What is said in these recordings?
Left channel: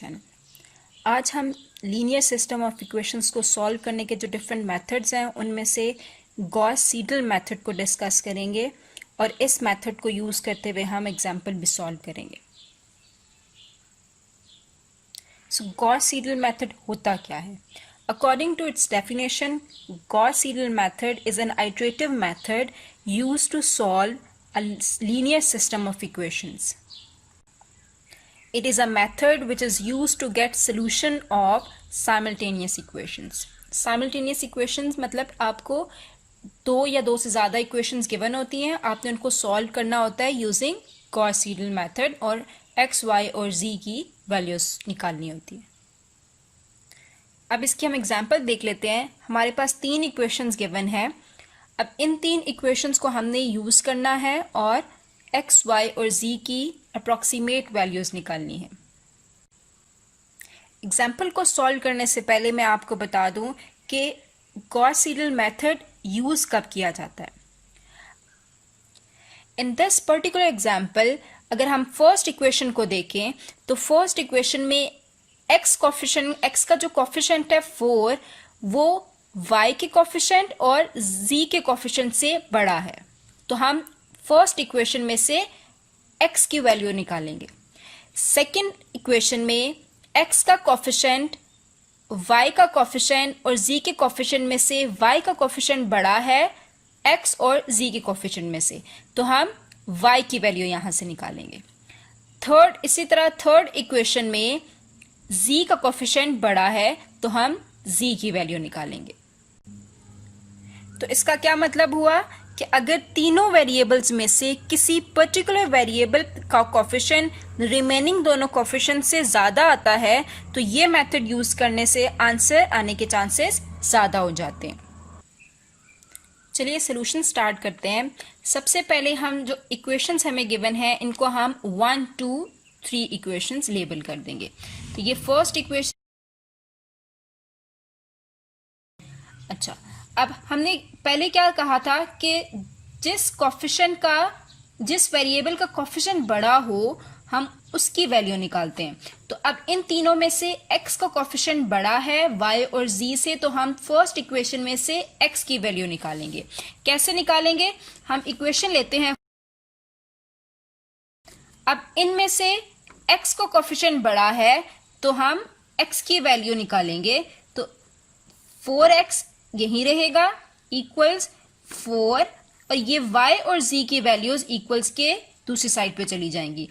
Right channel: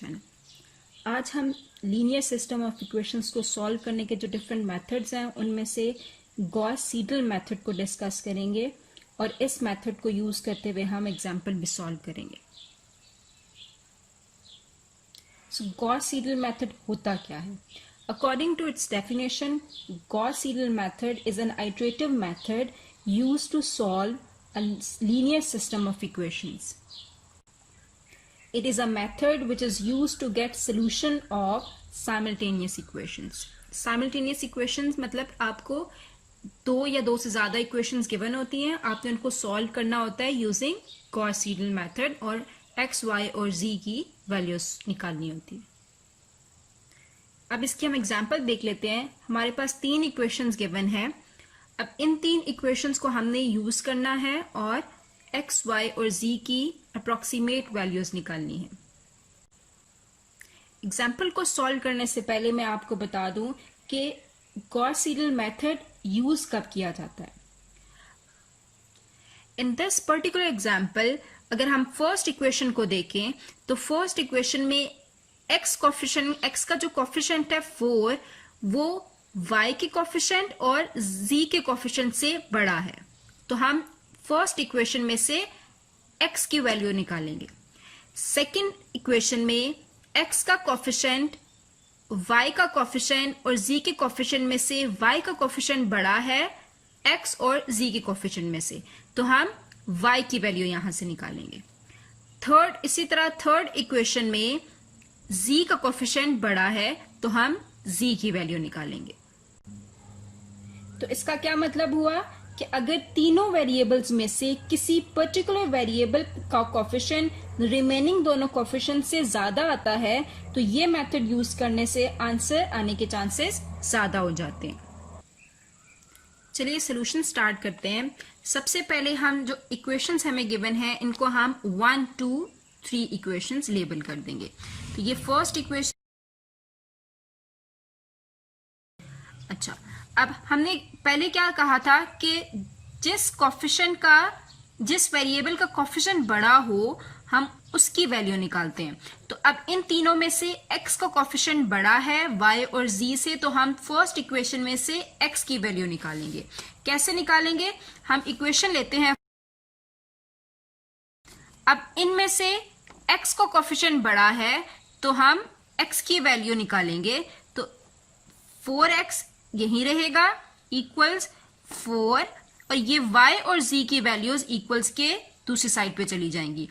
Channel. आज हम linear system of equations को सॉल्व करने के जो डिफरेंट मेथड्स हैं उनमें से गॉस सीडल मेथड को डिस्कस करेंगे और इस मेथड को यूज़ करते हुए हम एग्जाम्पल भी सॉल्व करेंगे। सो गॉस सीडल मेथड होता क्या है? According to its definition, Gauss-Seidel method is an iterative method used to solve a linear system of equations. It is a method which is used to get solution of simultaneous equations. Simultaneous equations मतलब आपको दो या दो से ज़्यादा equations given होती हैं, आपने उनको solve करना होता है using Gauss-Seidel method और x, y और z की values निकालनी होती है। अब इसकी हम एग्जाम्पल देख लेते हैं। हमारे पास तीन इक्वेशंस गिवन हैं। अब इन तीन इक्वेशंस को हमने यूज करना है और एक्स, वाई और जी की अप्रोक्सीमेट वैल्यूज निकालनी है। एग्जाम्पल को सॉल्व करने से पहले मैं आपको बता दूं कि गॉस-सीडल मेथड यूज कब किया जाता है। इन दिस पर्टिकुलर एग्जाम्पल अगर हम फर्स्ट इक्वेशन को देखें तो फर्स्ट इक्वेशन में एक्स का जो कॉफिशेंट है 4 वो y के कॉफिशेंट और z के कॉफिशेंट से बड़ा है, तो हम फर्स्ट इक्वेशन में से x की वैल्यू निकालेंगे। सेकंड इक्वेशन में x का कॉफिशेंट y का कॉफिशेंट और z के कॉफिशेंट में से y का कॉफिशेंट बड़ा है x और z के कॉफिशेंट में से, तो हम y की वैल्यू यहां से निकालेंगे। इसी तरह थर्ड इक्वेशन में z का कोफिशिएंट बड़ा है तो हम z की वैल्यू निकालेंगे। तो इसका क्या मतलब हुआ कि अगर तीनों वेरिएबल्स में से किसी पर्टिकुलर वेरिएबल का कोफिशिएंट रिमेनिंग दोनों कोफिशिएंट से ज्यादा आता है तो ये मेथड यूज करने से आंसर आने के चांसेस ज्यादा हो जाते हैं। चलिए सोल्यूशन स्टार्ट करते हैं। सबसे पहले हम जो इक्वेशंस हमें गिवन है इनको हम 1, 2, 3 इक्वेशंस लेबल कर देंगे। तो ये फर्स्ट इक्वेशन। अच्छा, अब हमने पहले क्या कहा था कि जिस वेरिएबल का कोफिशिएंट बड़ा हो हम उसकी वैल्यू निकालते हैं। तो अब इन तीनों में से x का कोफिशिएंट बड़ा है y और z से, तो हम फर्स्ट इक्वेशन में से x की वैल्यू निकालेंगे। कैसे निकालेंगे? हम इक्वेशन लेते हैं। अब इनमें से x का कोफिशिएंट बड़ा है तो हम x की वैल्यू निकालेंगे। तो 4x यहीं रहेगा इक्वल्स 4 और ये y और z की वैल्यूज इक्वल्स के दूसरी साइड पे चली जाएंगी।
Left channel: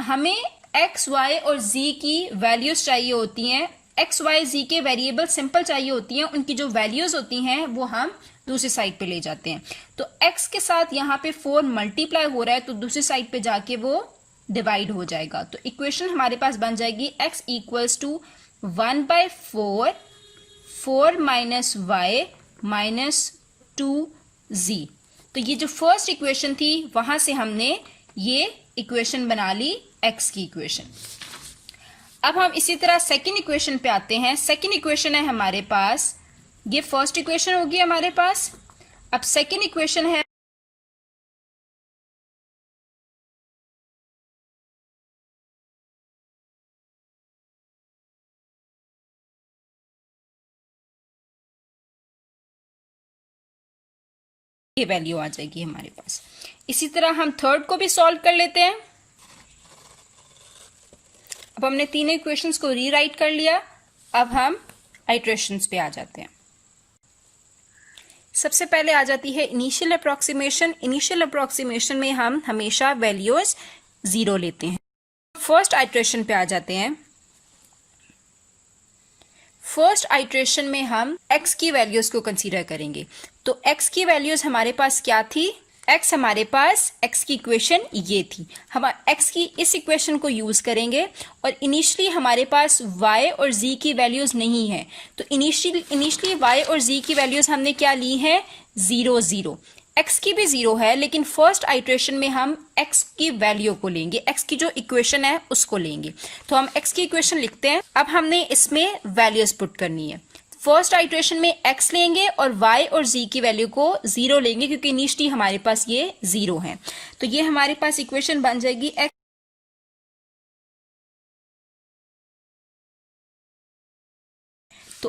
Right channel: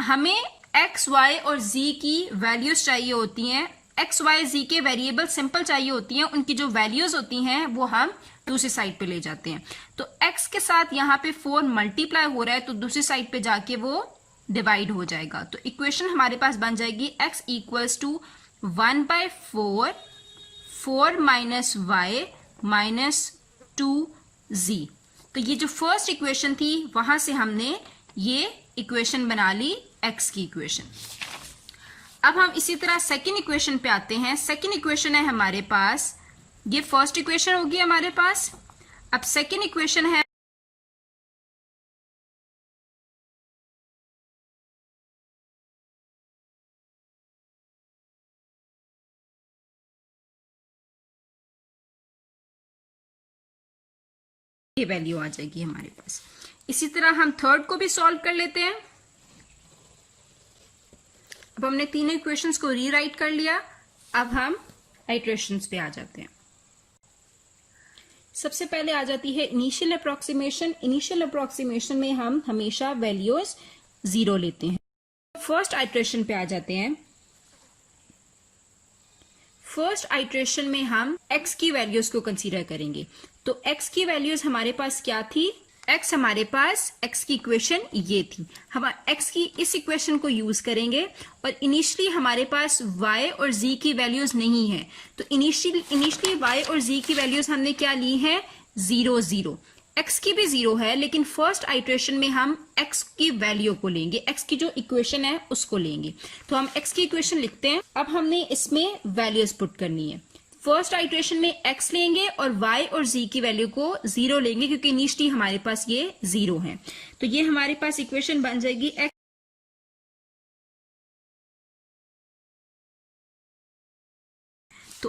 हमें x, y और z की वैल्यूज चाहिए होती हैं। x, y, z के वेरिएबल सिंपल चाहिए होती हैं, उनकी जो वैल्यूज होती हैं वो हम दूसरी साइड पे ले जाते हैं। तो x के साथ यहाँ पे 4 मल्टीप्लाई हो रहा है तो दूसरी साइड पे जाके वो डिवाइड हो जाएगा। तो इक्वेशन हमारे पास बन जाएगी x equals to 1/4 4 minus y minus 2z। तो ये जो फर्स्ट इक्वेशन थी वहां से हमने ये इक्वेशन बना ली x की इक्वेशन। अब हम इसी तरह सेकेंड इक्वेशन पे आते हैं। सेकेंड इक्वेशन है हमारे पास, ये फर्स्ट इक्वेशन होगी हमारे पास। अब सेकेंड इक्वेशन है ये वैल्यू आ जाएगी हमारे पास। इसी तरह हम थर्ड को भी सॉल्व कर लेते हैं। अब हमने तीनों इक्वेशंस को रीराइट कर लिया। अब हम आइट्रेशंस पे आ जाते हैं। सबसे पहले आ जाती है इनिशियल अप्रोक्सीमेशन। इनिशियल अप्रोक्सीमेशन में हम हमेशा वैल्यूज 0 लेते हैं। फर्स्ट आइट्रेशन पे आ जाते हैं। फर्स्ट आइट्रेशन में हम x की वैल्यूज को कंसीडर करेंगे। तो x की वैल्यूज हमारे पास क्या थी? हमारे पास x की इक्वेशन ये थी। हम x की इस इक्वेशन को यूज करेंगे और इनिशियली हमारे पास y और z की वैल्यूज नहीं है, तो इनिशियली y और z की वैल्यूज हमने क्या ली है? 0, 0। x की भी 0 है, लेकिन फर्स्ट आइट्रेशन में हम x की वैल्यू को लेंगे, x की जो इक्वेशन है उसको लेंगे। तो हम x की इक्वेशन लिखते हैं। अब हमने इसमें वैल्यूज पुट करनी है। फर्स्ट आइट्रेशन में x लेंगे और y और z की वैल्यू को 0 लेंगे क्योंकि इनिशियली हमारे पास ये 0 है। तो ये हमारे पास इक्वेशन बन जाएगी x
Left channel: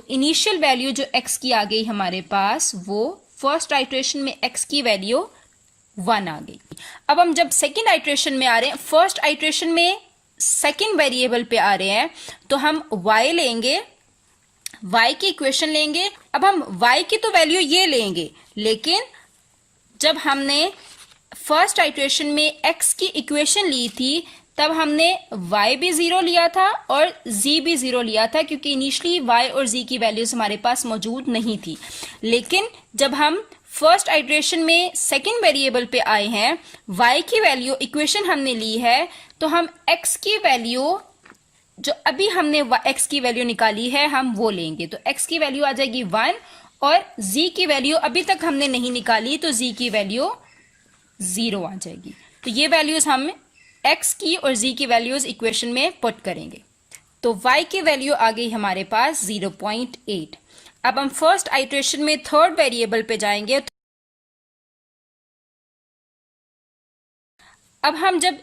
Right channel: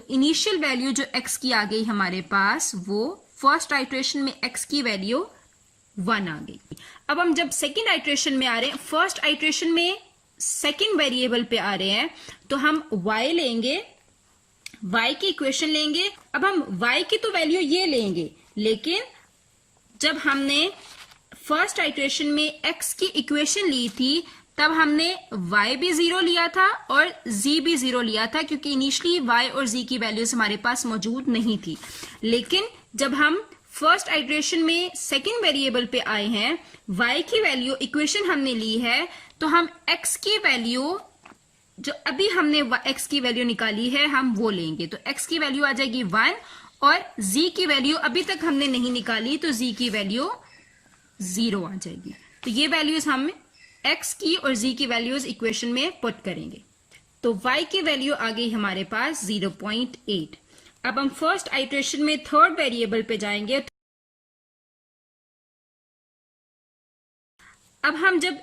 इनिशियल वैल्यू जो x की आ गई हमारे पास, वो फर्स्ट आइट्रेशन में x की वैल्यू 1 आ गई। अब हम जब सेकेंड आइट्रेशन में आ रहे हैं, फर्स्ट आइट्रेशन में सेकेंड वेरिएबल पे आ रहे हैं, तो हम y लेंगे, y की इक्वेशन लेंगे। अब हम y की तो वैल्यू ये लेंगे, लेकिन जब हमने फर्स्ट आइट्रेशन में x की इक्वेशन ली थी, तब हमने y भी 0 लिया था और z भी 0 लिया था, क्योंकि इनिशियली y और z की वैल्यूज हमारे पास मौजूद नहीं थी। लेकिन जब हम फर्स्ट आइट्रेशन में सेकेंड वेरिएबल पे आए हैं, y की वैल्यू इक्वेशन हमने ली है, तो हम x की वैल्यू जो अभी हमने x की वैल्यू निकाली है, हम वो लेंगे। तो x की वैल्यू आ जाएगी 1 और z की वैल्यू अभी तक हमने नहीं निकाली, तो z की वैल्यू 0 आ जाएगी। तो ये वैल्यूज हम x की और z की वैल्यूज इक्वेशन में पुट करेंगे। तो y की वैल्यू आ गई हमारे पास 0.8। अब हम फर्स्ट आइट्रेशन में थर्ड वेरिएबल पे जाएंगे। अब हम जब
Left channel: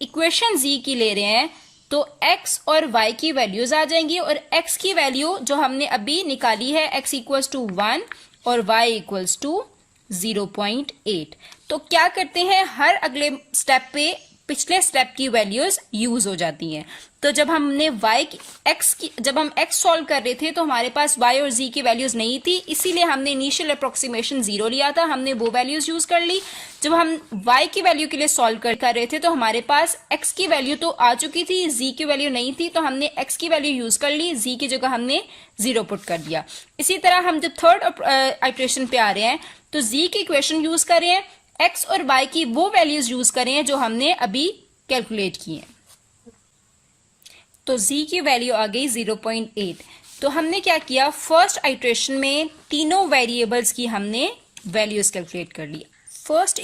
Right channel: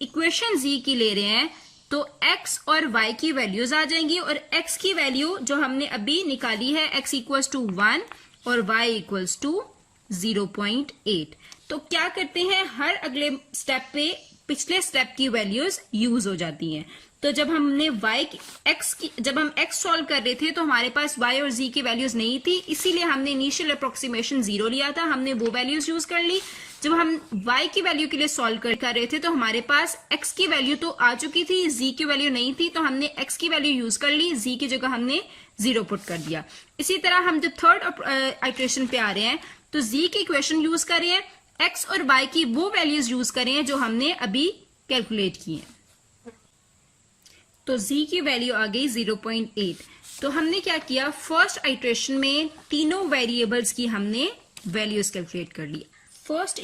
इक्वेशन z की ले रहे हैं, तो x और y की वैल्यूज आ जाएंगी, और x की वैल्यू जो हमने अभी निकाली है, x इक्वल्स टू 1 और y इक्वल्स टू 0.8। तो क्या करते हैं, हर अगले स्टेप पे पिछले स्टेप की वैल्यूज यूज हो जाती हैं। तो जब हमने जब हम x सॉल्व कर रहे थे, तो हमारे पास y और z की वैल्यूज नहीं थी, इसीलिए हमने इनिशियल अप्रोक्सीमेशन 0 लिया था, हमने वो वैल्यूज यूज कर ली। जब हम y की वैल्यू के लिए सॉल्व कर रहे थे, तो हमारे पास x की वैल्यू तो आ चुकी थी, z की वैल्यू नहीं थी, तो हमने x की वैल्यू यूज कर ली, z की जगह हमने 0 पुट कर दिया। इसी तरह हम जब थर्ड आइट्रेशन पे आ रहे हैं, तो z की इक्वेशन यूज कर रहे हैं, x और y की वो वैल्यूज यूज कर रहे हैं जो हमने अभी कैलकुलेट की है। तो z की वैल्यू आ गई 0.8। तो हमने क्या किया, फर्स्ट आइट्रेशन में तीनों वेरिएबल्स की हमने वैल्यूज कैलकुलेट कर ली। फर्स्ट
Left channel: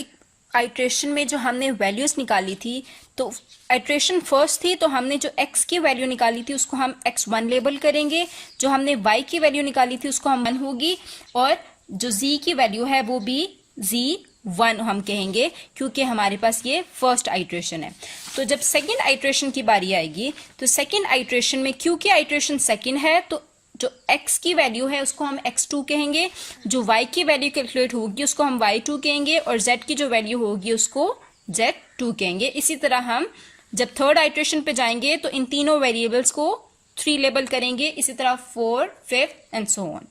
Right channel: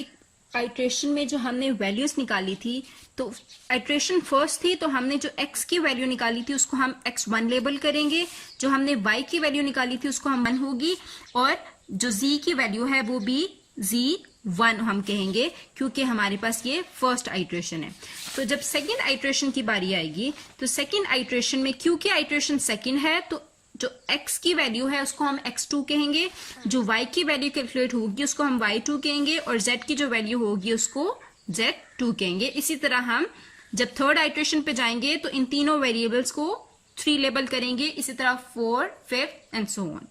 आइट्रेशन में जो हमने वैल्यूज निकाली थी, तो आइट्रेशन फर्स्ट थी, तो हमने जो x की वैल्यू निकाली थी उसको हम x1 लेबल करेंगे, जो हमने y की वैल्यू निकाली थी उसको हम 1 होगी, और जो z की वैल्यू है वो भी z1 हम कहेंगे, क्योंकि हमारे पास ये फर्स्ट आइट्रेशन है। तो जब सेकेंड आइट्रेशन की बारी आएगी, तो सेकेंड आइट्रेशन में क्योंकि आइट्रेशन सेकेंड है, तो जो x की वैल्यू है उसको हम x2 कहेंगे, जो y की वैल्यू कैलकुलेट होगी उसको हम y2 कहेंगे, और z की जो वैल्यू होगी उसको z2 कहेंगे। इसी तरह हम जब थर्ड आइट्रेशन पे जाएंगे, तो इन तीनों वेरिएबल्स को 3 लेबल करेंगे, इसी तरह 4, 5 and so on.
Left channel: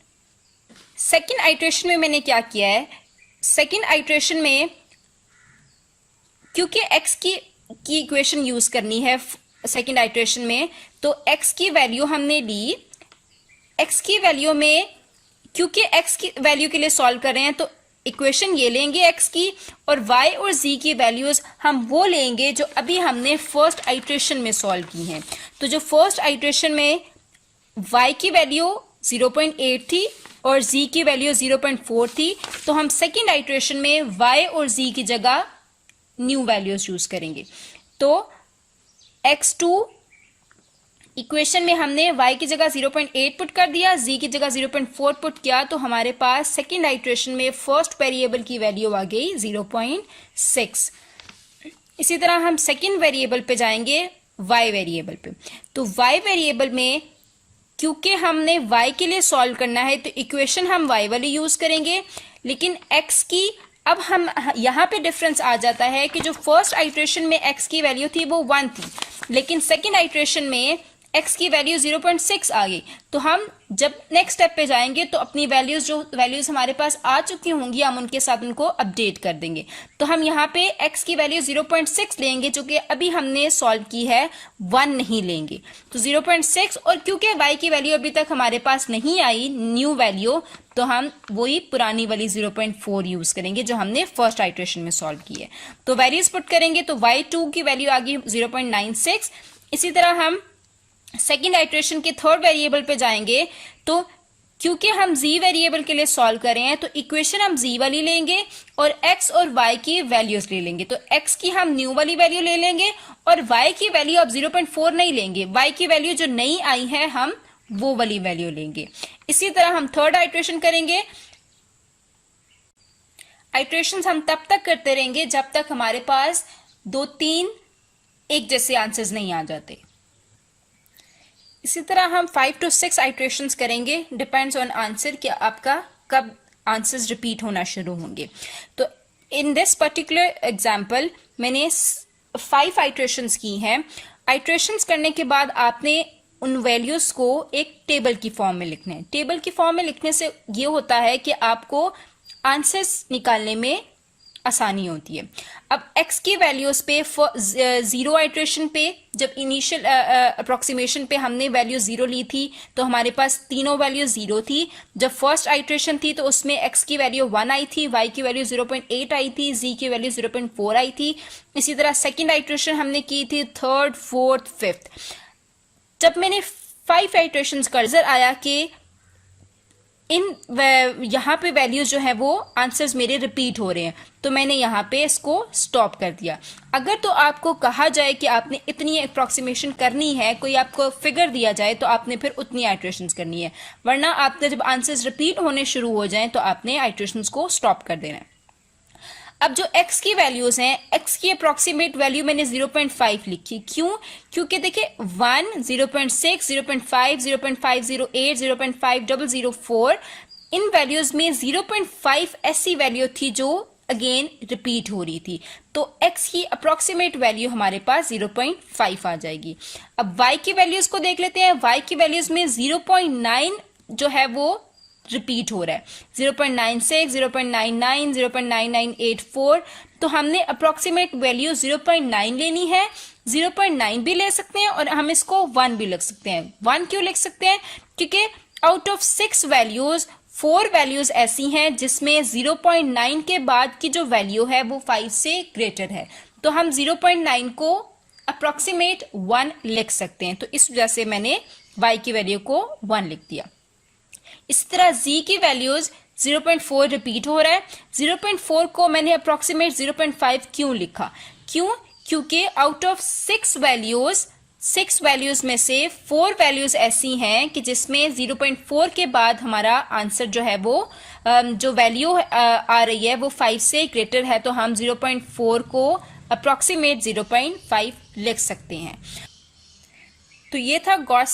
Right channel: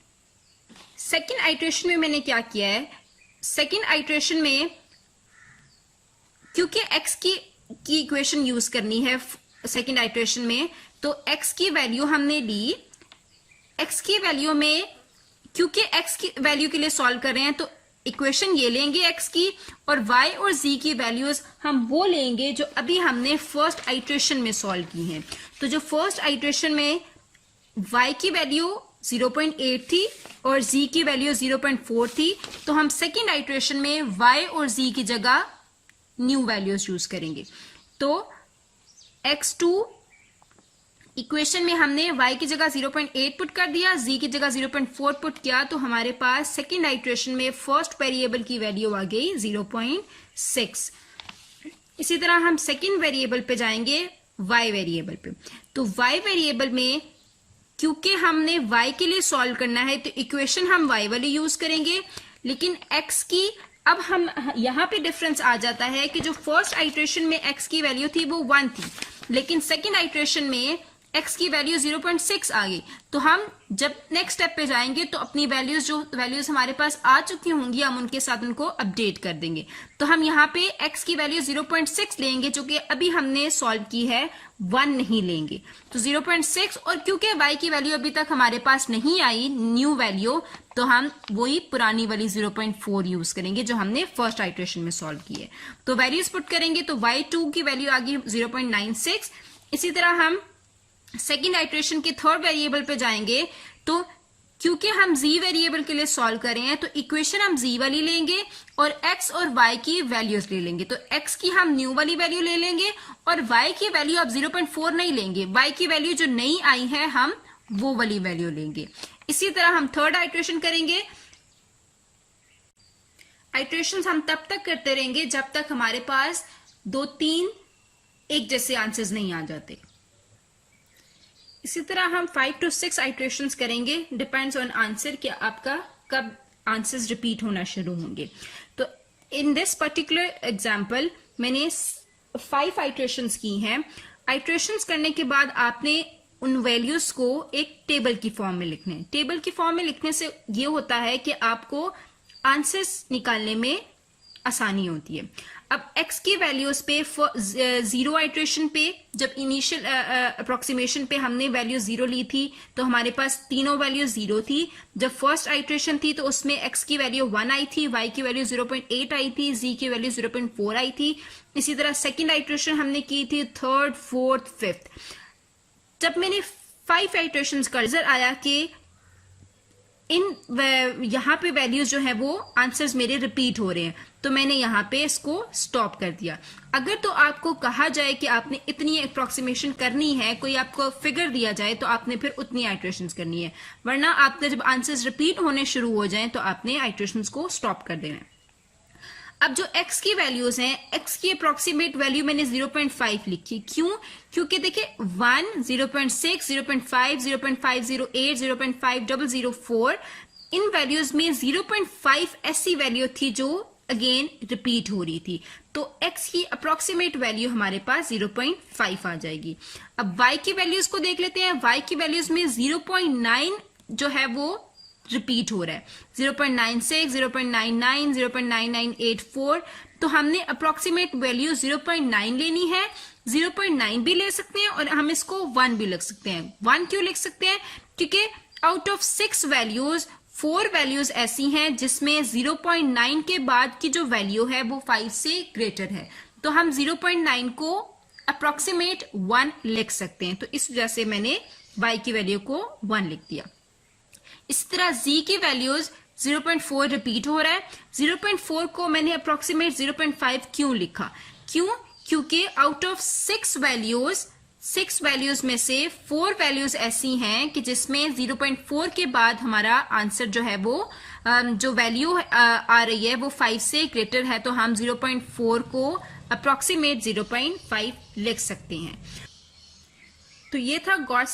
Second iteration में मैंने क्या किया है, सेकेंड आइट्रेशन में क्योंकि x की इक्वेशन यूज करनी है सेकेंड आइट्रेशन में, तो x की वैल्यू हमने ली। x की वैल्यू में क्योंकि x की वैल्यू के लिए सॉल्व कर रहे हैं, तो इक्वेशन ये लेंगे x की, और y और z की वैल्यूज हम वो लेंगे जो अभी हमने फर्स्ट आइट्रेशन में सॉल्व की हैं। तो जो फर्स्ट आइट्रेशन में y की वैल्यू 0.8 थी और z की वैल्यू 0.4 थी, तो हम सेकेंड आइट्रेशन में y और z की जगह न्यू वैल्यूज यूज करेंगे। तो x2 इक्वेशन में हमने y की जगह 0.8 पुट कर दिया, z की जगह 0.4 पुट किया, तो हमारे पास सेकेंड आइट्रेशन में फर्स्ट वेरिएबल की वैल्यू आ गई 0.6। इसी तरह हम सेकेंड वेरिएबल पे जाएंगे, y वेरिएबल पे। तो y वेरिएबल में क्योंकि हमने y के लिए सॉल्व करना है, तो इक्वेशन हम y वाली यूज करेंगे, लेकिन x की अब हम यहां पे डिफरेंस आ जाता है कि जो फर्स्ट आइट्रेशन में x की वैल्यू थी वो 1 थी, लेकिन सेकेंड आइट्रेशन में x की वैल्यू 0.6 आ गई। तो हम जब नेक्स्ट स्टेप पे जाएंगे, तो अपनी वैल्यूज हमारे पास आ चुकी होंगी, हम उनके साथ उनको अपडेट कर देंगे। तो हम यहाँ पे x की वैल्यू 0.6 लेंगे, जो कि अभी हमने सॉल्व की है, 1 नहीं लेंगे। तो 0.6, और क्योंकि y की वैल्यू अभी तक हमारे पास नहीं आई न्यू वैल्यू, तो हम वही पुरानी वाली 0.4 यूज करेंगे जो हमने फर्स्ट आइट्रेशन में सॉल्व की है। तो वैल्यूज पुट करेंगे, तो y2 की वैल्यू आ गई 0.96। इसी तरह हम सेकेंड आइट्रेशन के थर्ड वेरिएबल पे जाएंगे, तो क्योंकि हम z वेरिएबल के लिए सॉल्व कर रहे हैं, तो इक्वेशन हम z वाली लेंगे और x और y की वैल्यूज ले लेंगे। तो x की हम न्यू वाली वैल्यू ले लेंगे, और y की वैल्यू अब 0.4 नहीं लेंगे, y की वैल्यू जो नई आई है हम वो वाली वैल्यू लेंगे। इसी तरह हम थर्ड आइट्रेशन करेंगे। आइट्रेशन हम तब तक करते रहेंगे जब तक हमारे पास 2-3 एक जैसे आंसर्स नहीं आ जाते। इसी तरह हम 5 to 6 आइट्रेशंस करेंगे, डिपेंड्स ऑन आंसर कि आपका कब आंसर्स रिपीट होना शुरू होंगे। तो इन दिस पर्टिकुलर एग्जाम्पल मैंने 5 आइट्रेशंस की हैं। आइट्रेशंस करने के बाद आपने उन वैल्यूज को एक टेबल की फॉर्म में लिखना है। टेबल की फॉर्म में लिखने से ये होता है कि आपको आंसर्स निकालने में आसानी होती है। अब x की वैल्यूज पे 0 आइट्रेशन पे, जब इनिशियल अप्रोक्सीमेशन पे हमने वैल्यू 0 ली थी तो हमारे पास तीनों वैल्यू 0 थी। जब फर्स्ट आइट्रेशन थी तो उसमें x की वैल्यू 1 आई थी, y की वैल्यू 0.8 आई थी, z की वैल्यू 0.4 आई थी। इसी तरह सेकेंड आइट्रेशन हमने की थी, थर्ड, फोर्थ, फिफ्थ। जब मैंने 5 आइट्रेशंस का नजर आया कि यहाँ पे वैल्यूज जो है वो आंसर्स मेरे रिपीट हो रहे हैं, तो मैंने यहाँ पे इसको स्टॉप कर दिया। अगर तो आपको कहा जाए कि आपने इतनी अप्रोक्सीमेशन करनी है, कोई आपको फिगर दिया जाए, तो आपने फिर उतनी आइट्रेशंस करनी है, वरना आपने जब आंसर्स रिपीट होने शुरू हो जाएं तो आपने आइट्रेशंस को स्टॉप कर देना है। अब जो x की वैल्यूज हैं, x की अप्रोक्सीमेट वैल्यू मैंने 0.5 लिखी। क्यों? क्योंकि देखिए 1, 0.6, 0.5, 0.508, 0.5004 इन वैल्यूज में 0.5 ऐसी वैल्यू थी जो अगेन रिपीट हो रही थी, तो x की अप्रोक्सीमेट वैल्यू हमारे पास 0.5 आ जाएगी। अब y की वैल्यूज को देख लेते हैं। y की वैल्यूज में 0.9 जो है वो रिपीट हो रहा है, 0.96, 0.99, 0.9984। तो हमने अप्रोक्सीमेट वैल्यू 0.9 लेनी है। 0.9 भी ले सकते हैं और हम इसको 1 भी लिख सकते हैं। 1 क्यों लिख सकते हैं? क्योंकि आउट ऑफ 6 वैल्यूज 4 वैल्यूज ऐसी हैं जिसमें 0.9 के बाद की जो वैल्यू है वो 5 से ग्रेटर है, तो हम 0.9 को अप्रोक्सीमेट 1 लिख सकते हैं। तो इस वजह से मैंने y की वैल्यू को 1 लिख दिया। इस तरह z की वैल्यूज 0.4 रिपीट हो रहा है। 0.4 को मैंने अप्रोक्सीमेट 0.5 क्यों लिखा? क्योंकि आउट ऑफ 6 वैल्यूज में से 4 वैल्यूज ऐसी हैं कि जिसमें 0.4 के बाद हमारा आंसर जो है वो जो वैल्यू आ रही है वो 5 से ग्रेटर है, तो हम 0.4 को अप्रोक्सीमेट 0.5 लिख सकते हैं। तो ये था गॉस